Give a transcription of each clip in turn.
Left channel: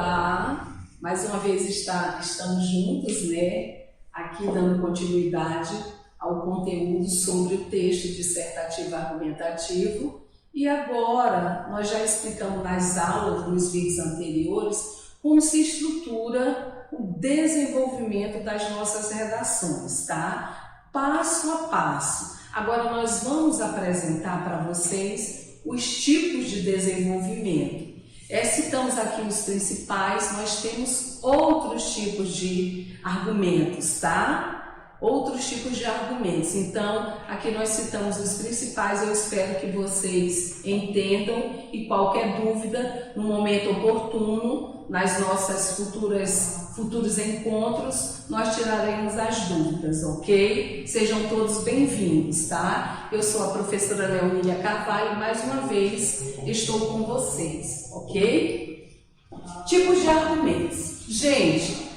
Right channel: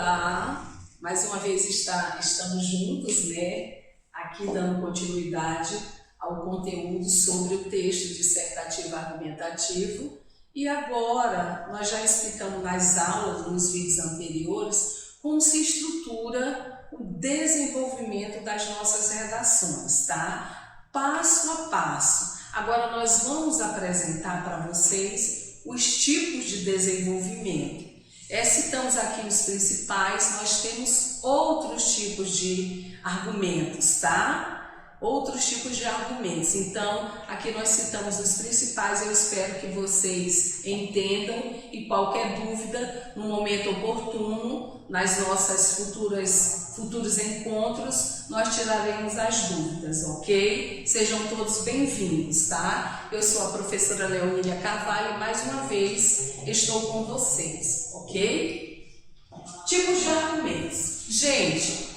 Olá, mais uma vez estamos juntos, né? Aqui dando continuidade ao conteúdo sobre o texto dissertativo argumentativo. E agora nós já explicamos nas aulas, nos vídeos anteriores, como se estrutura o desenvolvimento das nossas redações, tá? Passo a passo. Agora nós vamos apresentar para vocês os tipos de desenvolvimento. Citamos aqui os principais, nós temos outros tipos de argumentos, tá? Outros tipos de argumentos. Então, aqui nós citamos os principais, eu espero que vocês entendam e qualquer dúvida, no momento oportuno, nas nossas futuros encontros, nós tiraremos as dúvidas, ok? Sejam todos bem-vindos, tá? Eu sou a professora Leonília Carvalho e mais uma vez estou com vocês, ok? Tipos de argumentos. Gente,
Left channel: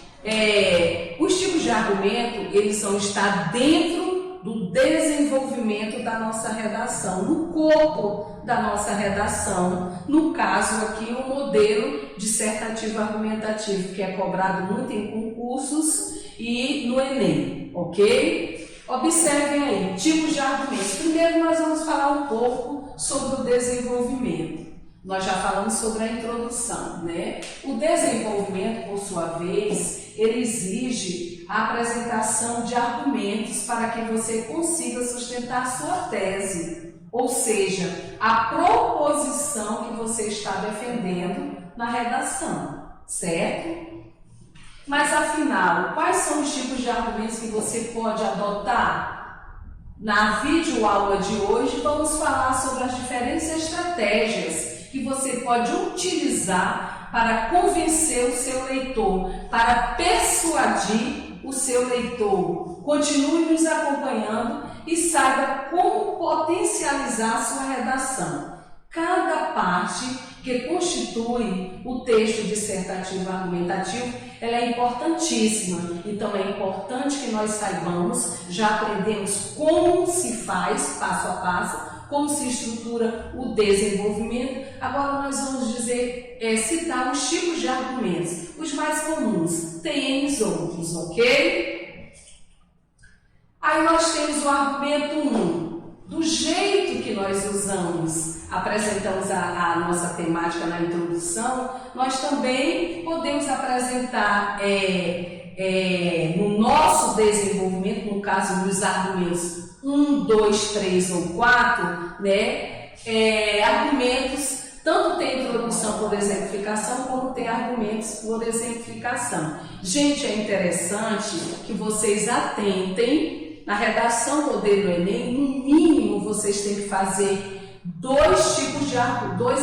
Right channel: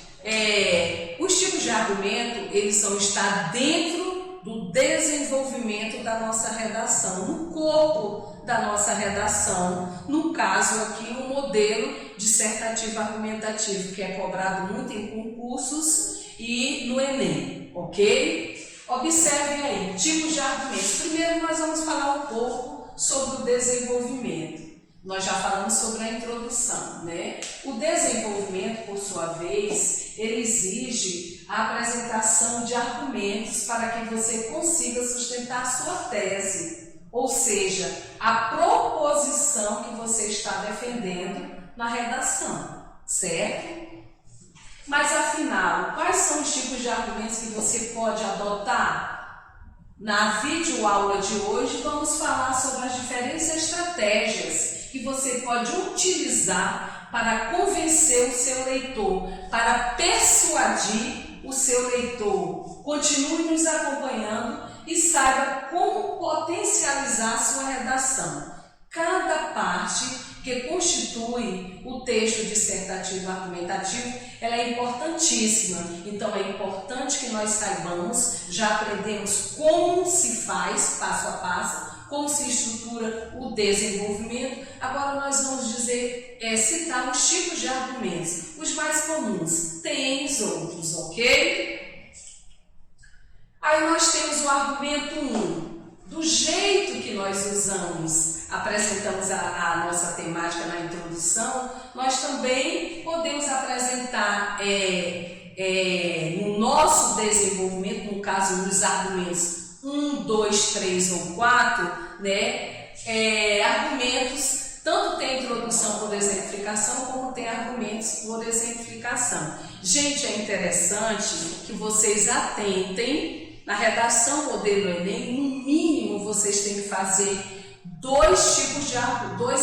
os tipos de argumento, eles vão estar dentro do desenvolvimento da nossa redação, no corpo da nossa redação, no caso aqui o modelo dissertativo argumentativo, que é cobrado muito em concursos e no Enem, ok? Observem aí, tipos de argumentos. Primeiro nós vamos falar um pouco sobre o desenvolvimento. Nós já falamos sobre a introdução, né? O desenvolvimento, por sua vez, ele exige a apresentação de argumentos para que você consiga sustentar a sua tese, ou seja, a proposição que você está defendendo na redação, certo? Mas afinal, quais são os tipos de argumentos que você pode adotar? Na videoaula de hoje vamos falar sobre as diferentes estratégias que você pode utilizar para convencer o seu leitor, para persuadir o seu leitor. Continue nos acompanhando e saiba como potencializar a sua redação. Cada parte que constitui o texto dissertativo argumentativo, ela é importantíssima. Então é importante que nós saibamos, já aprendemos como se faz, passo a passo, como se estrutura o desenvolvimento. Agora nós vamos citar os tipos de argumentos, os mais comuns, tem os outros, ok? Aí nós temos o argumento 1. Do jeito que nós apresentamos a nossa temática na introdução, nós também podemos apresentar no nosso desenvolvimento, no caso dos argumentos 1, 2, 3 ou 4, né, argumentos, tanto tem introdução por exemplificação, como tem argumentos por exemplificação. Gente, é interessante que vocês atentem. Na redação modelo Enem, no mínimo vocês têm que fazer dois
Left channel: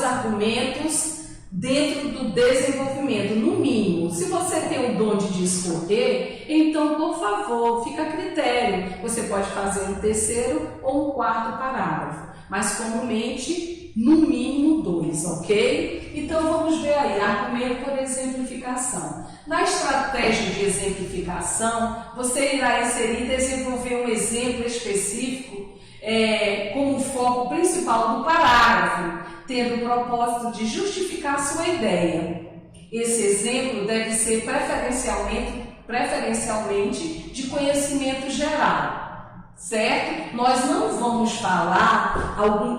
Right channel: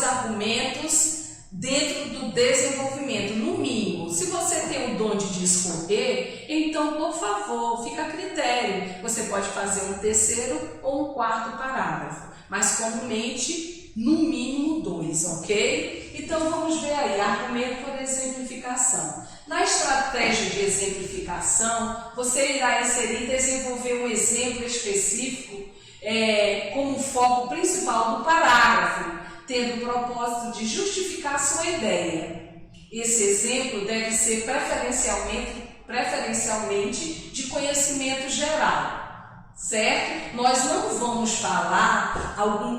argumentos dentro do desenvolvimento, no mínimo. Se você tem o dom de escolher, então, por favor, fica a critério. Você pode fazer um terceiro ou um quarto parágrafo, mas comumente, no mínimo 2, ok? Então, vamos ver aí, argumento por exemplificação. Na estratégia de exemplificação, você irá inserir e desenvolver um exemplo específico como foco principal do parágrafo, tendo o propósito de justificar a sua ideia. Esse exemplo deve ser preferencialmente de conhecimento geral, certo? Nós não vamos falar algum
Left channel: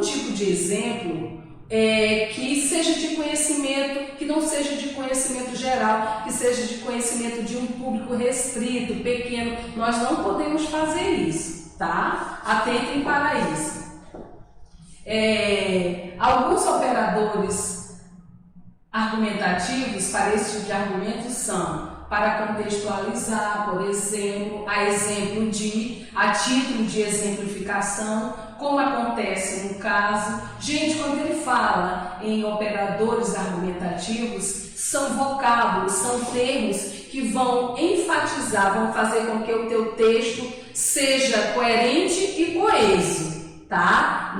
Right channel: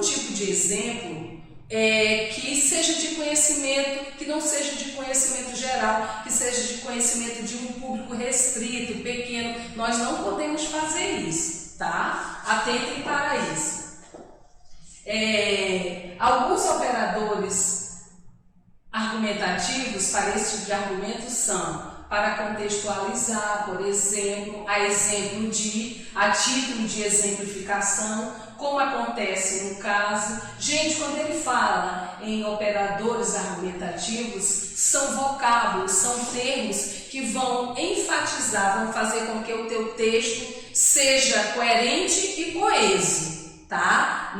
tipo de exemplo que seja de conhecimento, que não seja de conhecimento geral, que seja de conhecimento de um público restrito, pequeno. Nós não podemos fazer isso, tá? Atentem para isso. Alguns operadores argumentativos para esse tipo de argumento são para contextualizar, por exemplo, a título de exemplificação, como acontece no caso. Gente, quando ele fala em operadores argumentativos, são vocábulos, são termos que vão enfatizar, vão fazer com que o teu texto seja coerente e coeso, tá?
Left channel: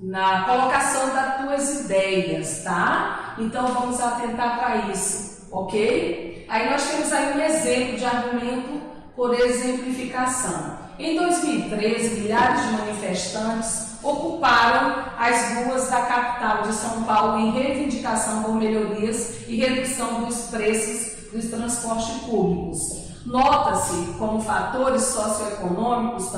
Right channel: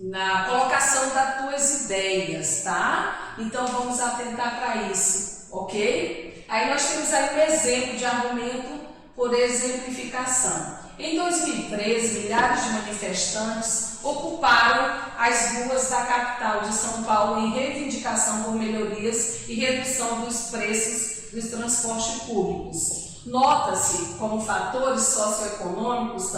Na colocação das tuas ideias, tá? Então vamos atentar para isso, ok? Aí nós temos aí um exemplo de argumento por exemplificação. Em 2013, milhares de manifestantes ocuparam as ruas da capital de São Paulo em reivindicação por melhorias e redução dos preços dos transportes públicos. Nota-se como fatores socioeconômicos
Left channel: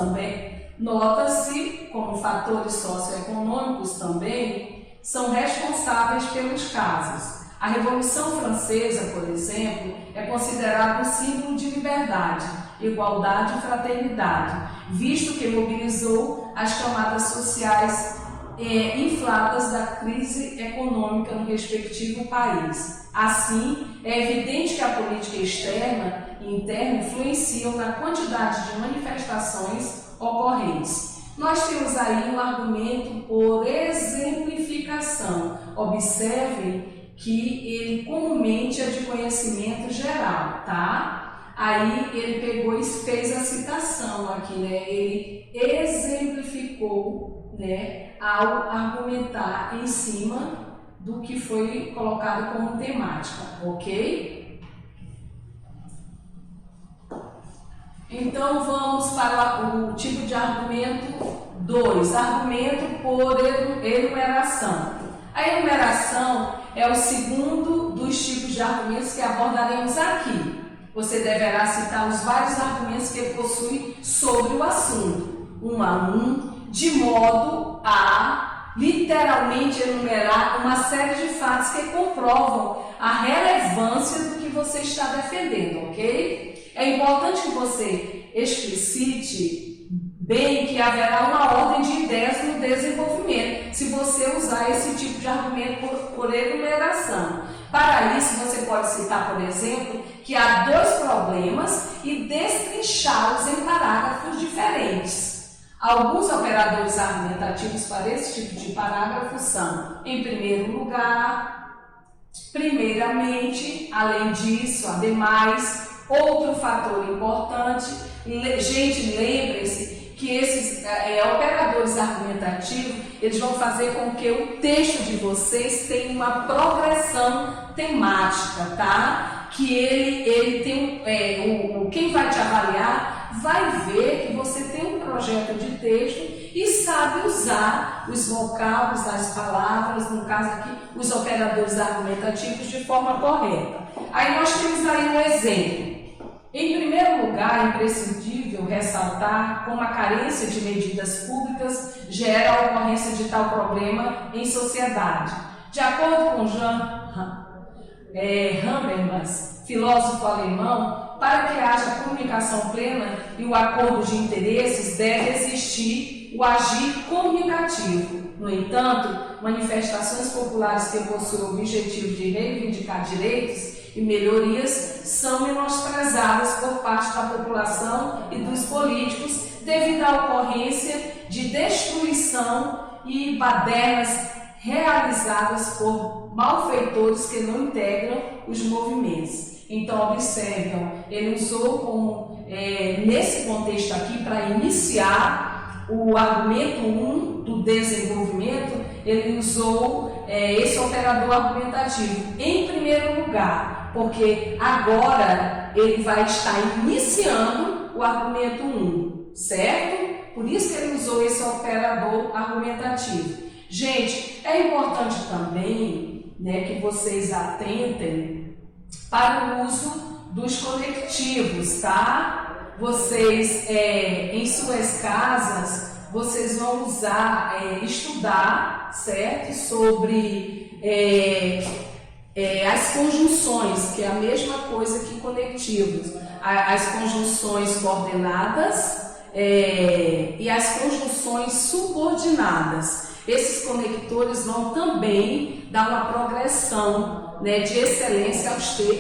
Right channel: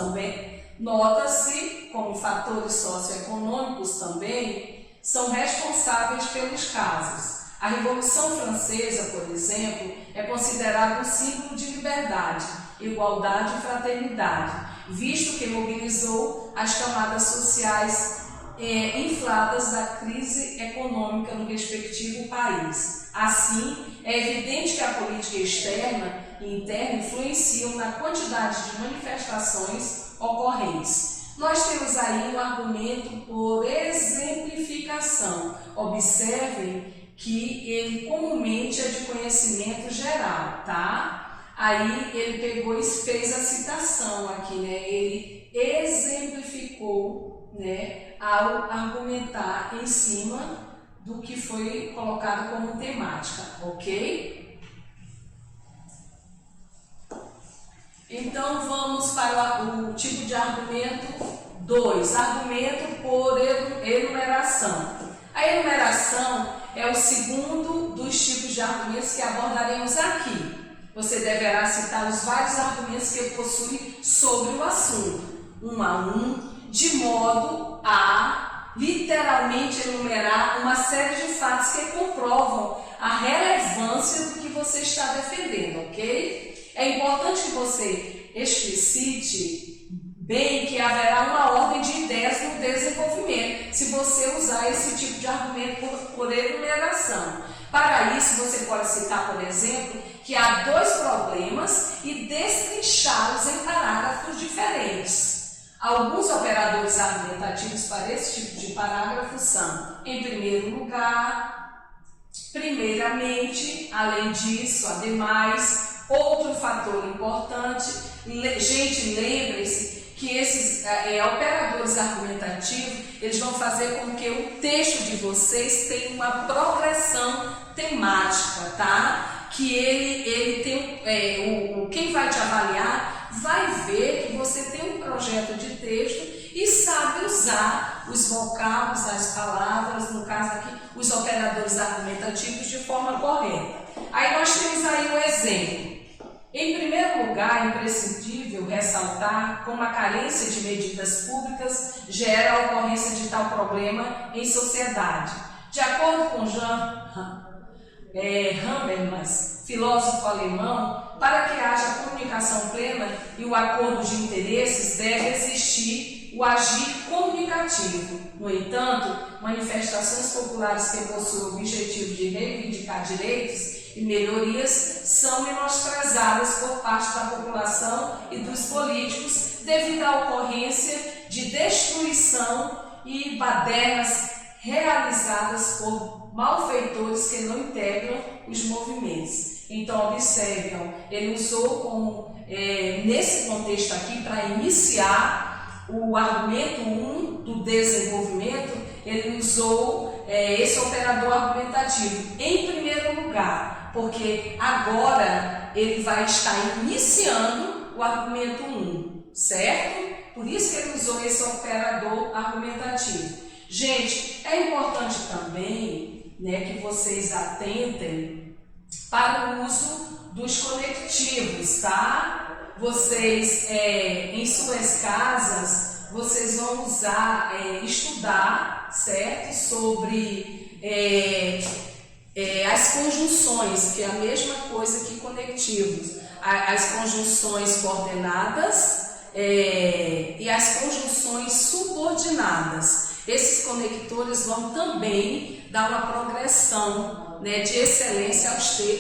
também são responsáveis pelos casos. A Revolução Francesa, por exemplo, é considerada um símbolo de liberdade, igualdade e fraternidade, visto que mobilizou as camadas sociais infladas da crise econômica no respectivo país. Assim, é evidente que a política externa e interna influenciam na quantidade de manifestações ocorrentes. Nós temos aí um argumento por exemplificação. Observem que ele comumente é de conhecimento geral, tá? Aí ele pegou e fez a citação aqui, né? Ele exemplificou, né, ao argumentar em cima do que foi colocado como temática, ok? Então vamos para o tipo de argumento 2, argumento por enumeração. A enumeração é o segundo dos tipos de argumentos que abordaremos aqui. Você deverá citar os vários argumentos que ele possui sobre o assunto, um a um, de modo a literalmente enumerar uma série de fatos que comprovam a relevância do que você está defendendo, ok? É importante que você explicite bem que haverá uma ordem de ideias no desenvolvimento, se você usar esse tipo de argumento por enumeração. Para isso, você pode citar, por exemplo, que há dois problemas e destrinchá-los em parágrafos diferentes. Alguns operadores argumentativos para esse tipo de parágrafo são, em primeiro lugar, primeiramente, além disso, ademais, outro fator importante. Gente, lembrem-se que esses operadores argumentativos, eles vão fazer com que o texto de vocês tenha uma progressão temática, tá? Que ele tem, quem vai te avaliar vai ver que você tem um projeto de texto e sabe usar os vocábulos, as palavras, no caso aqui, os operadores argumentativos de forma correta. Aí nós temos aí um exemplo. Em primeiro lugar, é imprescindível ressaltar como a carência de medidas públicas gera a ocorrência de tal problema em sociedade. De acordo com Jean Habermas, filósofo alemão, para que haja comunicação plena e o acordo de interesses, deve existir o agir comunicativo. No entanto, manifestações populares que possuem o objetivo de reivindicar direitos e melhorias são menosprezadas por parte da população e dos políticos devido à ocorrência de destruição e badernas realizadas por malfeitores que não integram os movimentos. Então, observam, ele usou como, nesse contexto aqui, para iniciar o argumento 1 do desenvolvimento, ele usou esse operador argumentativo em primeiro lugar, porque agora ele vai estar iniciando o argumento 1, certo? Por isso que ele usou esse operador argumentativo. Gente, é importante também, né, que vocês atentem para o uso dos conectivos, tá? Vocês, em suas casas, vocês vão usar, estudar, certo? Sobre as conjunções, que é a mesma coisa que conectivos. As conjunções coordenadas e as conjunções subordinadas. Esses conectores vão também dar uma progressão, né, de excelência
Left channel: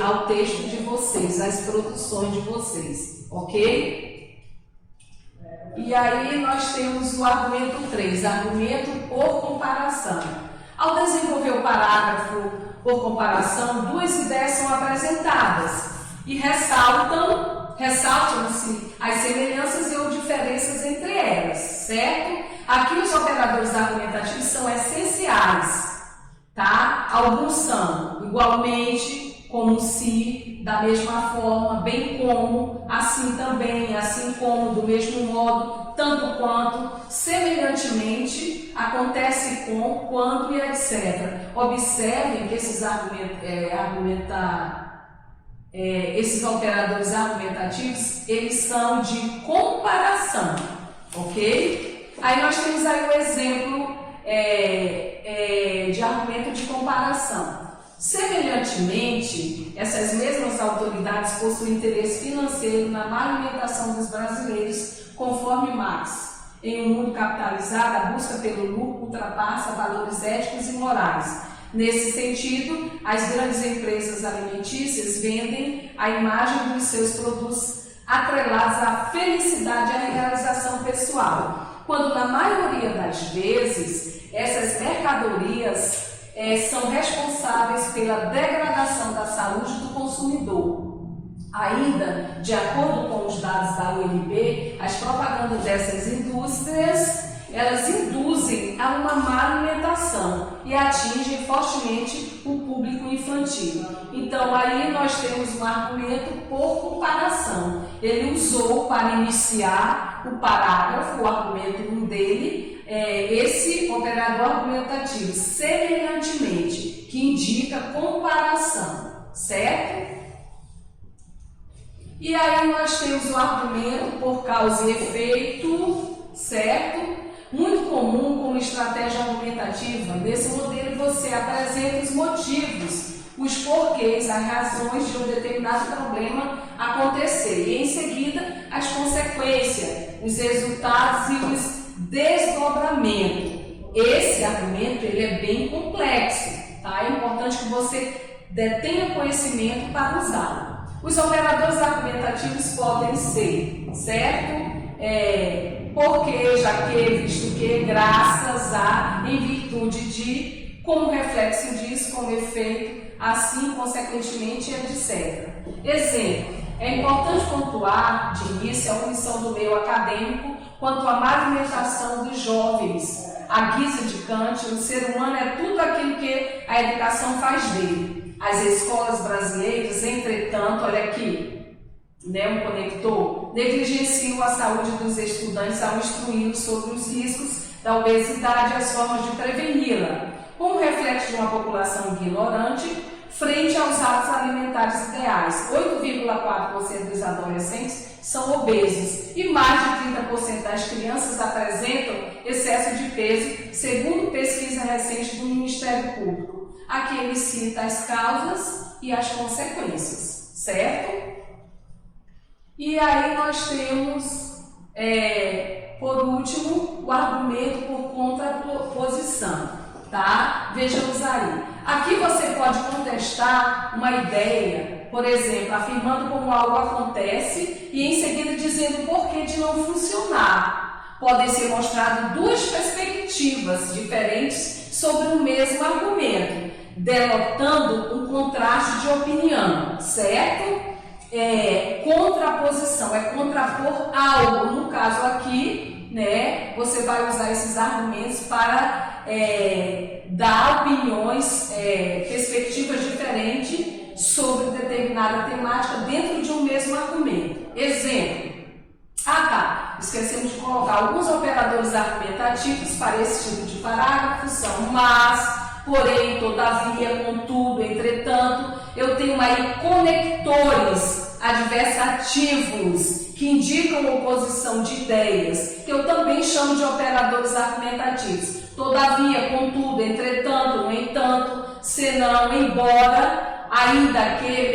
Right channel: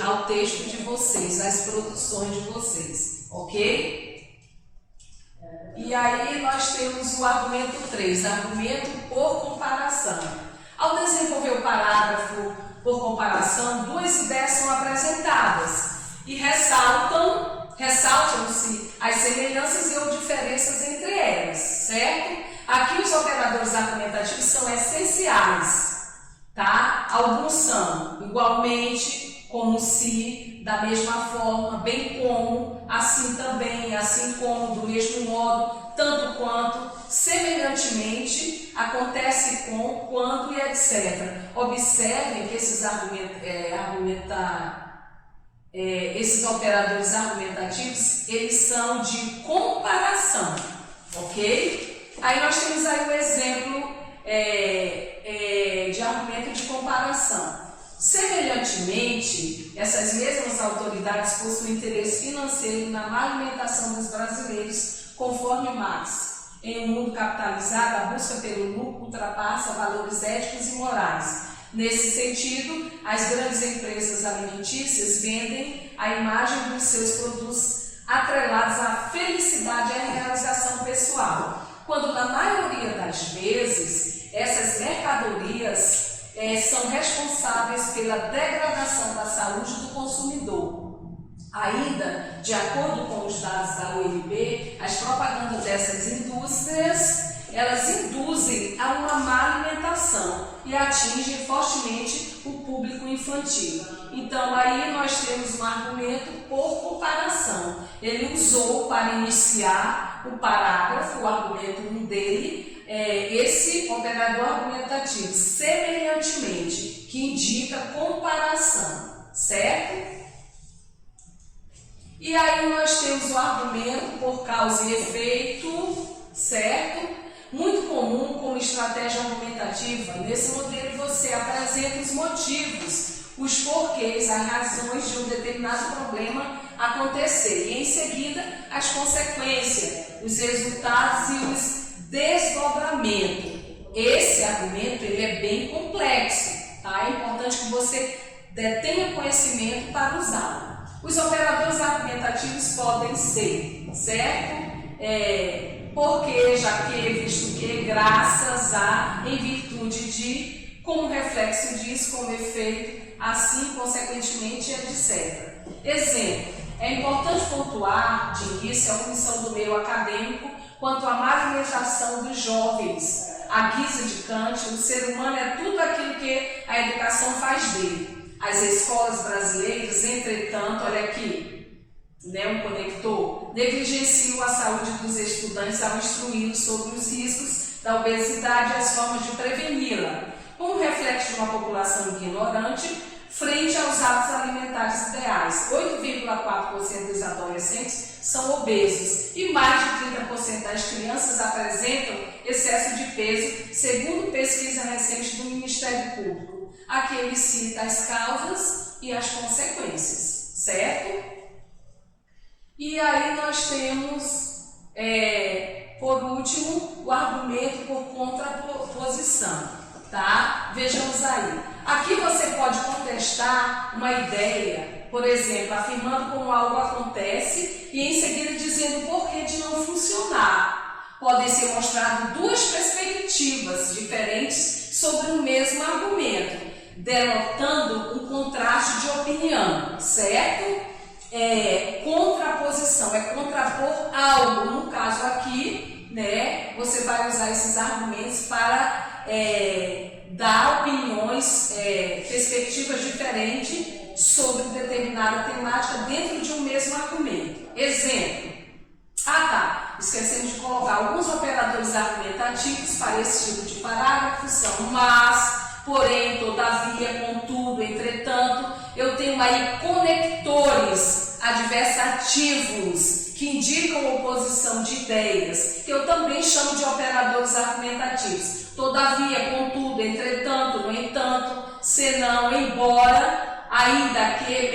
ao texto de vocês, às produções de vocês, ok? E aí nós temos o argumento 3, argumento por comparação. Ao desenvolver o parágrafo por comparação, duas ideias são apresentadas e ressaltam-se as semelhanças ou diferenças entre elas, certo? Aqui os operadores argumentativos são essenciais, tá? Alguns são igualmente, como se, da mesma forma, bem como, assim também, assim como, do mesmo modo, tanto quanto, semelhantemente, acontece com, quanto e etc. Observem que esses esses operadores argumentativos, eles são de comparação, ok? Aí nós temos aí o exemplo de argumento de comparação. Semelhantemente, essas mesmas autoridades possuem interesse financeiro na má alimentação dos brasileiros, conforme Marx. Em um mundo capitalizado, a busca pelo lucro ultrapassa valores éticos e morais. Nesse sentido, as grandes empresas alimentícias vendem a imagem dos seus produtos atrelados à felicidade e à realização pessoal, quando na maioria das vezes essas mercadorias são responsáveis pela degradação da saúde do consumidor. Ainda, de acordo com os dados da UNB, as propagandas dessas indústrias, elas induzem a uma má alimentação e atingem fortemente o público infantil. Então, aí nós temos um argumento por comparação. Ele usou para iniciar o parágrafo, o argumento 1 dele, esse operador argumentativo, semelhantemente, que indica comparação, certo? E aí nós temos o argumento por causa e efeito, certo? Muito comum como estratégia argumentativa. Nesse modelo você apresenta os motivos, os porquês, as razões de um determinado problema acontecer e em seguida as consequências, os resultados e os desdobramentos. Esse argumento ele é bem complexo, tá? É importante que você tenha conhecimento para usá-lo. Os operadores argumentativos podem ser, certo? Porque, já que, visto que, graças a, em virtude de, como reflexo disso, como efeito, assim, consequentemente, etc. Exemplo, é importante pontuar, de início, a omissão do meio acadêmico quanto à má alimentação dos jovens. À guisa de Kant, o ser humano é tudo aquilo que a educação faz dele. As escolas brasileiras, entretanto, olha aqui, um conector, negligenciam a saúde dos estudantes ao instruí-los sobre os riscos da obesidade e as formas de preveni-la, como reflexo de uma população ignorante frente aos hábitos alimentares ideais. 8,4% dos adolescentes são obesos e mais de 30% das crianças apresentam excesso de peso, segundo pesquisa recente do Ministério Público. Aqui ele cita as causas e as consequências, certo? E aí nós temos, por último, o argumento por contraposição, tá? Vejamos aí. Aqui você pode contestar uma ideia, por exemplo, afirmando como algo acontece e em seguida dizendo o porquê de não funcionar. Podem ser mostradas duas perspectivas diferentes sobre o mesmo argumento, denotando um contraste de opinião, certo? Contraposição, é contrapor algo. No caso aqui, você vai usar esses argumentos para dar opiniões, perspectivas diferentes sobre determinada temática dentro de um mesmo argumento. Exemplo. Esquecemos de colocar alguns operadores argumentativos para esse tipo de parágrafo, são mas, porém, todavia, contudo, entretanto. Eu tenho aí conectores adversativos que indicam oposição de ideias, que eu também chamo de operadores argumentativos. Todavia, contudo, entretanto, no entanto, senão, embora, ainda que,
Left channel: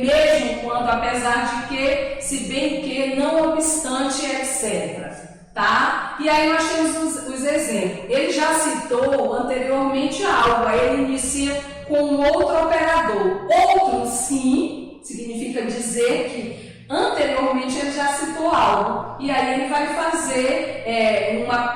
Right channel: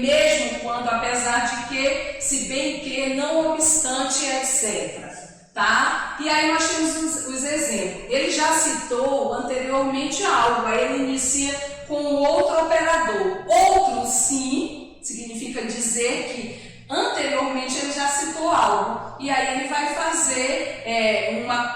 mesmo quando, apesar de que, se bem que, não obstante, etc. Tá? E aí nós temos os exemplos. Ele já citou anteriormente algo, aí ele inicia com um outro operador. Outro, sim, significa dizer que anteriormente ele já citou algo. E aí ele vai fazer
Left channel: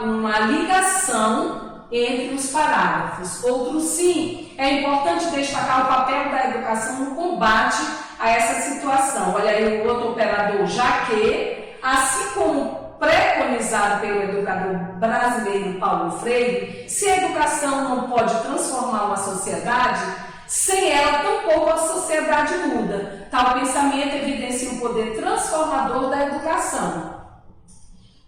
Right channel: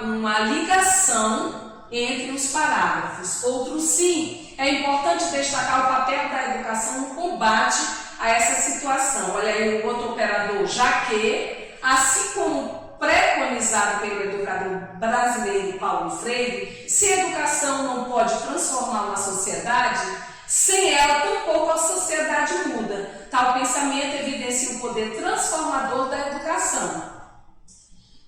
uma ligação entre os parágrafos. Outro, sim, é importante destacar o papel da educação no combate a essa situação. Olha aí o outro operador, já que, assim como preconizado pelo educador brasileiro Paulo Freire, se a educação não pode transformar uma sociedade, Sem ela, tampouco a sociedade muda. Tal pensamento evidencia o poder transformador da educação.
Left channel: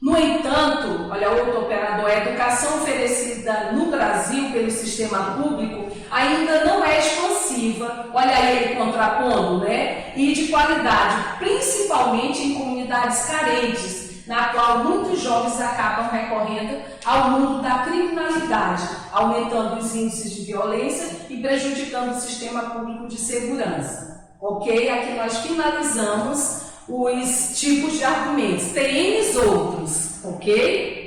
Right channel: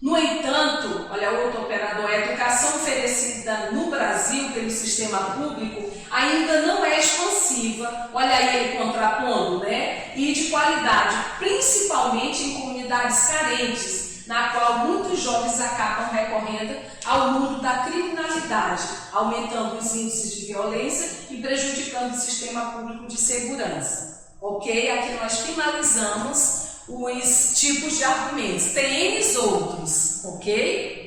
No entanto, olha outro operador, a educação oferecida no Brasil pelo sistema público ainda não é expansiva, olha aí ele contrapondo, né? E de qualidade, principalmente em comunidades carentes, na qual muitos jovens acabam recorrendo ao mundo da criminalidade, aumentando os índices de violência e prejudicando o sistema público de segurança. Ok? Aqui nós finalizamos os tipos de argumentos. Tem N outros, ok?